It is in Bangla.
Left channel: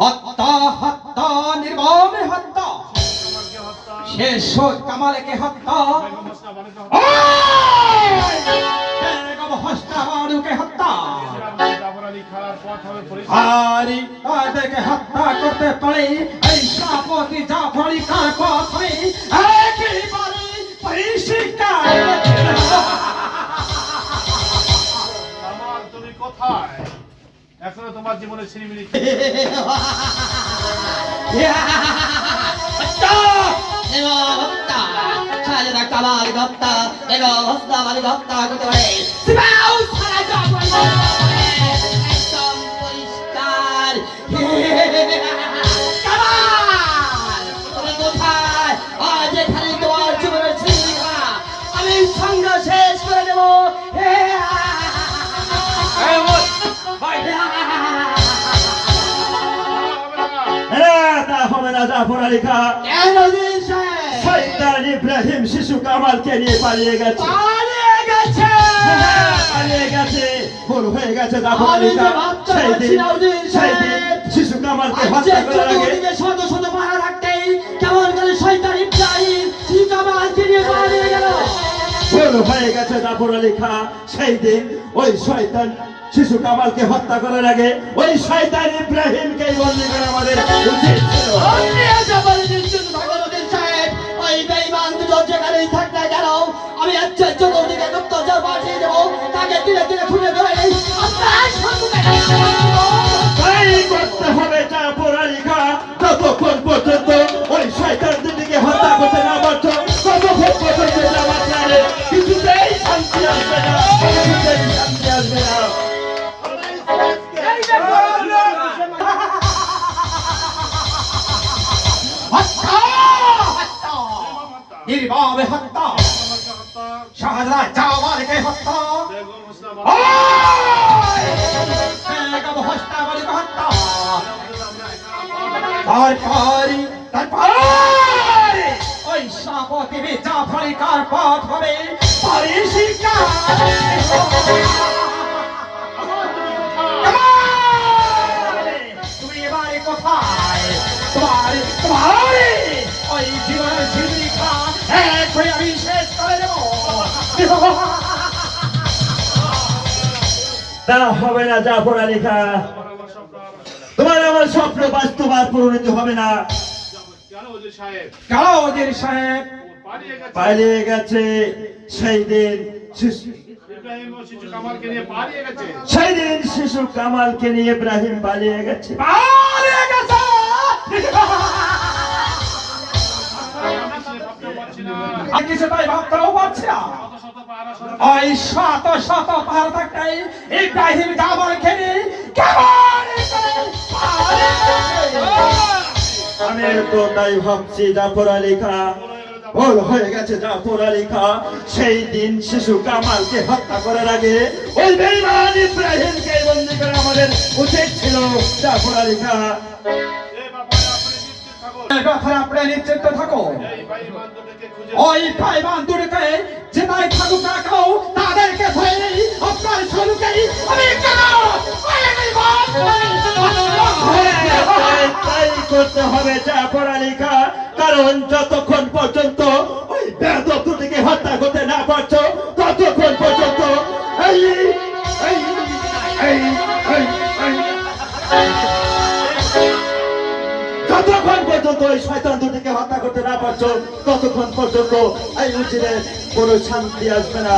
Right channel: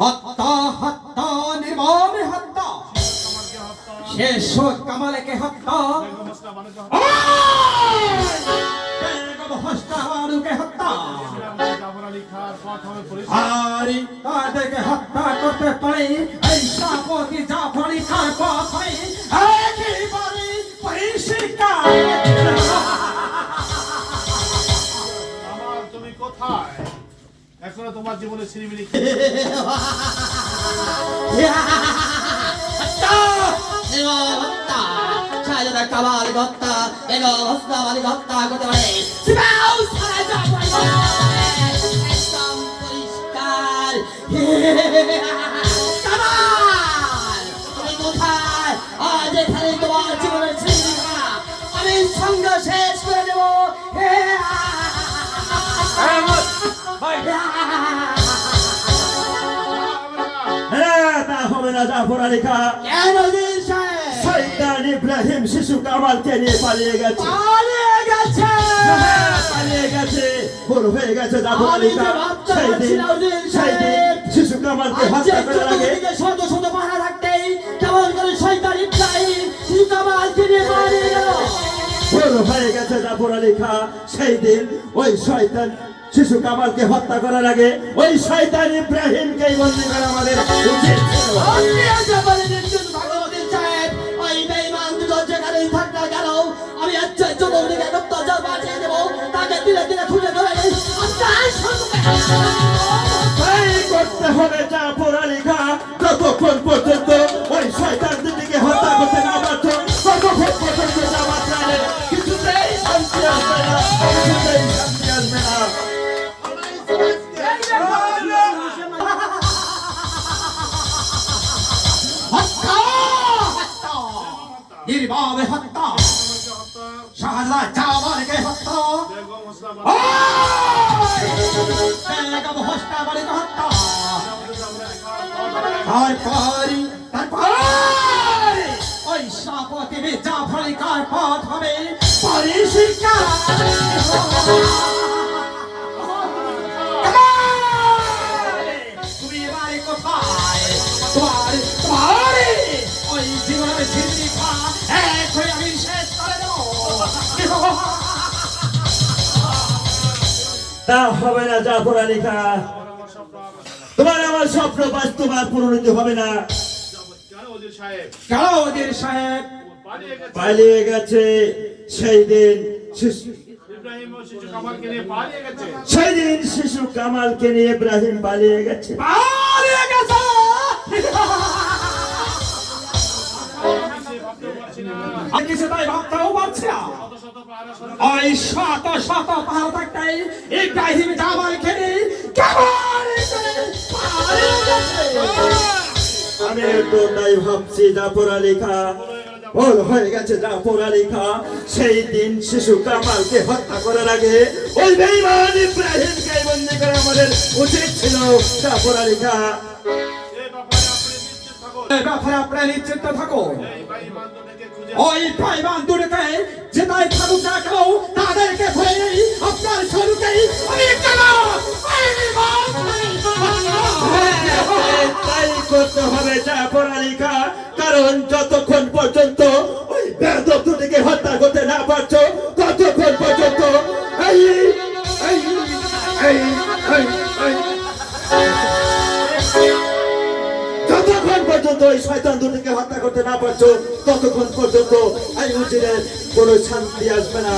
হত্যা হত্যা নির্মমে হত্যা শেষ কামালকে হত্যা বেগম হোসনা বানুকে হত্যা আর তাদেরকে হত্যা করতে পারে এই শাহপতি জাফর আলী খান পথ হবে একেবারে পরিষ্কার। তুমি কোথায়? এখনো তোমার জীবনে ছিনিমিনি শাহজাদা কামাল হত্যা বেগম হোসনা বানু হত্যা করতে পারে একদম পরিষ্কার। কামাল তুমি কোথায়? আজ এখানে তোমার জীবনের ছিনিমিনি আমি সঙ্গে শেষ করে দেবো। তা হবে না জাফর আলী খান। শয়তান ইব্রাহিম শিশু কামালকে নিয়ে পালিয়ে গেছে। পালিয়ে গেছে ভুল হয়ে গেছে জাফর আলী খান। সেই দিন শিশু কামালকে হত্যা করার আগে শত শত পাহারা রাখতেই কেমন করে শয়তান ইব্রাহিম শিশু কামালকে নিয়ে পালিয়ে গেল। ভুল হয়ে গেছে জাফর আলী খান। সেই দিন ওই শয়তান শিশু কামালকে হত্যা করার আগে ওই শয়তান ইব্রাহিমকে বন্দী করা আমাদের উচিত ছিল। ওই বেঈমান দুজন যেখানেই থাক না কেন আমি চতুর্দিকে গুপ্তচর পাঠিয়ে দেবো, তাকে দিলে দিলে খুঁজে ধরে নেই করতে হবে জাফর আলী খান। ততক্ষণ পর্যন্ত ওই শয়তান দুটিকে হত্যা করতে না পারছ ততক্ষণ পর্যন্ত আমার প্রাণে কিছুতেই শান্তি আসবে না, কিছুতেই শান্তি আসবে না। নির্মমে হত্যা শাহজাদা জামালকে হত্যা বেগম হোসনা বানুকে হত্যা তারপরে ওই শাহপতি জাফর আলী খান পথ হবে পরিষ্কার। তুমি এবারে কোথায়? তোমার ওই জীবনের জীবিকা এক হয়ে আমি শেষ করে দেব। তা হবে না জাফর আলী খান। তোমার আমার স্বপ্ন বাস্তবায়ন পূরণিত হবে না। কেন ওজির সাহেব? কালো ওজির সাহেব পালিয়ে গেছে। সেই দিন ইব্রাহিম ও শিশু কামালকে নিয়ে পালিয়ে গেছে। সেই দিন শিশু কামালকে নিয়ে ইব্রাহিম পালিয়ে গেছে। পালিয়ে গেছে। আমি কিছু তাই ভাবতেও পারছি না। ওই শত শত পাহাড় থাকতে ইব্রাহিম জামালকে নিয়ে কেমন আমি একদম তাই ভাবছি জাফর আলী খান। ভুল হয়ে গেছে জাফর আলী খান। সেই দিন শিশু কামালকে হত্যা করার আগে ওই বেঈমান ইব্রাহিমকে বন্দী করে আমাদের উচিত ছিল জাফর আলী খান। আপনি নিশ্চিন্ত থাকো। ওই ভাই বান্ধবীকে যেটাই থাকুক না কেন তাদেরকে ধরে নেই আপনার শুরুকেই আমি তাই করতে হবে জাফর আলী খান। কারণ যতক্ষণ পর্যন্ত ওই বেয়াদব দুটিকে হত্যা করতে না পারছো ততক্ষণ পর্যন্ত যতক্ষণ পর্যন্ত ওই শয়তান দুটিকে হত্যা করতে না পারছো ততক্ষণ পর্যন্ত এই উজিরে কোনো শান্তি আসবে না।